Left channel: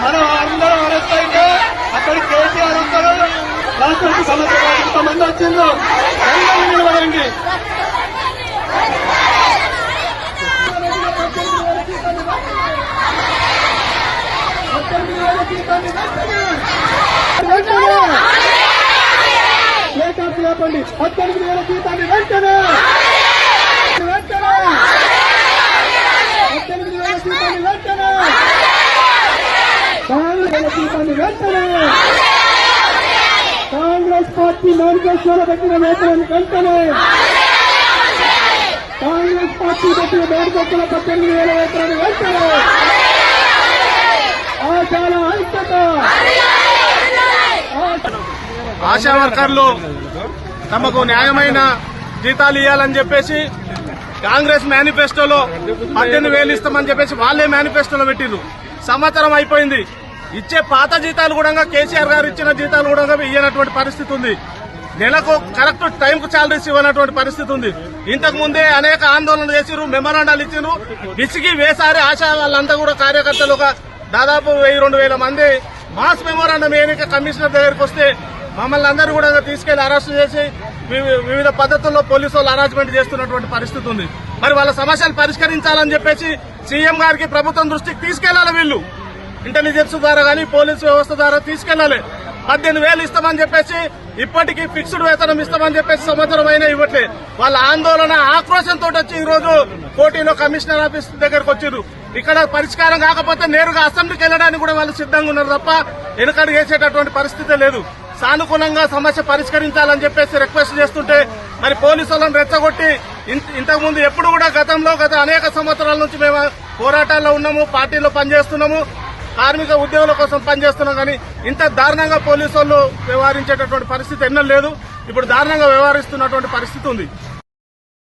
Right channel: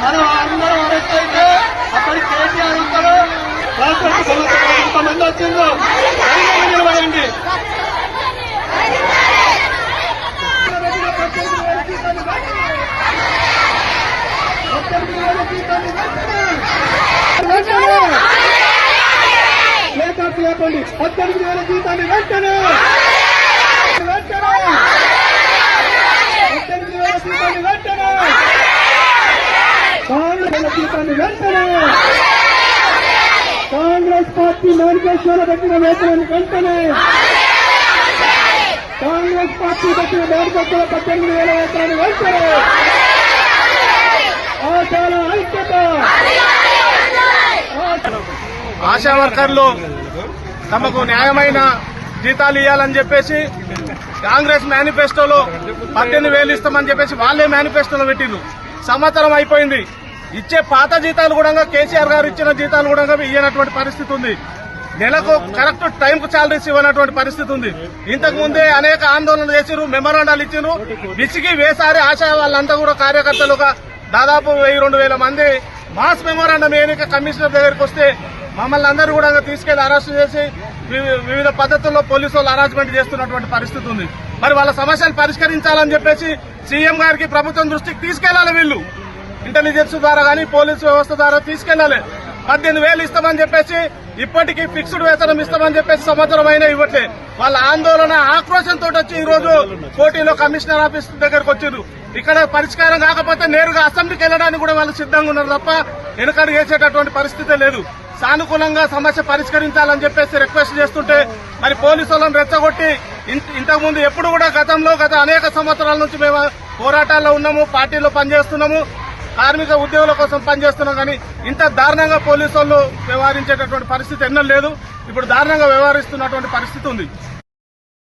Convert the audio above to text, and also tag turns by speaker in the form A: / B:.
A: మనం అందరం అరెస్ట్ అక్కడ కేసీఆర్ ఉంటారు రాష్ట్రపతి సంవత్సరం ఇంతమంది నిలబడండి జీతాన్ని వెంటనే వెంటనే ఏకాకి లేపండి పద్దెనిమిది వేల జీతాన్ని వెంటనే వెంటనే పద్దెనిమిది వేల జీతాన్ని వెంటనే కాంగ్రెస్ వెంటనే కాంగ్రెస్ పార్టీ మేనిఫెస్టోలో పెట్టిన నేతలను వెంటనే కాంగ్రెస్ పార్టీ పెట్టిన మేనిఫెస్టోలో పద్దెనిమిది వేల వేతనాన్ని వెంటనే. ఆశాల ఐక్యత.
B: ఆశా వర్కర్లు తమకు న్యాయమైన జీతాలు ఇవ్వాలని చెప్పేసి కాంగ్రెస్ మేనిఫెస్టోలో పద్దెనిమిది వేలు ఇస్తామని చెప్పేసి వాళ్ళే మేనిఫెస్టోలో పెట్టిండ్రు సంవత్సరం అయిపోయింది. ఇచ్చే పాత జీతాలు కూడా కేసీఆర్ గారు ఇచ్చిన జీతాలు కూడా ఇయ్యనటువంటి పరిస్థితి ఉంది. నెలకు కరెక్ట్ టైంకు శాలరీస్ ఇవ్వనటువంటి పరిస్థితి ఉంది. ఇంతకు ముందే అనేక ఆందోళనలు చేసిరు మెమరాండాలు ఇచ్చిరు విసిగి వేసారి ఆశా వాళ్ళంతా కూడా కార్యకర్తలుగా దాదాపు వెయ్యి రెండు వేల మంది మాస్ మెమోరాండం ఏనిక కమిషనర్ దగ్గరికి వస్తే మమ్మల్ని అందరూ కూడా తీసుకెళ్ళి అరెస్ట్ చేసి వివిధ పద్ధతుల్లో పోలీసు వాళ్ళు అరాజ్మెంట్ చేస్తున్నటువంటి పరిస్థితి ఉంది. మరి వాళ్ళ సమస్యలు పరిష్కరించాలని చెప్పేసి సీఎం గారికి ప్రభుత్వం దృష్టికి తీసుకెళ్ళాలి వీళ్ళు. ఇంటెలిజెన్స్ ద్వారా కానీ పోలీసు వ్యవస్థ ద్వారా తీసుకెళ్ళాలి పద్దెనిమిది వేలు ఇస్తామని చెప్పేసి ఇప్పటికీ ఫిక్స్డ్ వేతనం ఇస్తామని చెప్పేసి సంవత్సరం అయినా ఇవ్వట్లే. వాళ్ళ ఆందోళన ఆక్రోశంతో వచ్చి ఈ రోజు కోటిలో కమిషనర్ ఆఫీస్ దగ్గరకు వచ్చారు ఇక్కడ పరిష్కారం కాకపోతే నేరుగా అసెంబ్లీకి వెళ్ళడానికి కూడా వాళ్ళు సిద్ధంగా ఉన్నారు తప్ప వెనుకడు వేసేటటువంటి పరిస్థితే లేదు. సానుకూలంగా సమస్య పరిష్కరించాలని చెప్పేసి రిక్వెస్ట్ చేస్తుంటే మరి పోలీసు వాళ్ళని రెచ్చగొట్టి ఇంతకుముందు ఎప్పుడు కూడా గతంలో గత అనేక సంవత్సరాల నుంచి మేము పోరాటాల్లో ఉన్నాము పార్టీలో పనిచేస్తున్నాము. కార్మిక ఉద్యోగుల కోసం పనిచేస్తున్నాం కానీ ఇంత దారుణంగా పోలీసు వాళ్ళు వ్యవహరించేటటువంటి పరిస్థితి ఎన్నో లేదు. ఇప్పుడు దారుణంగా వ్యవహరిస్తున్నటువంటి పరిస్థితి ఉంది.